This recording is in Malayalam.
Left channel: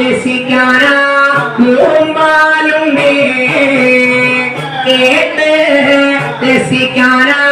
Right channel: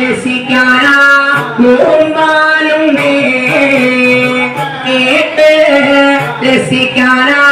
രസിക്കാനാ മൂമ്പാലുണ്ട് കേട്ട് രസിക്കാനാ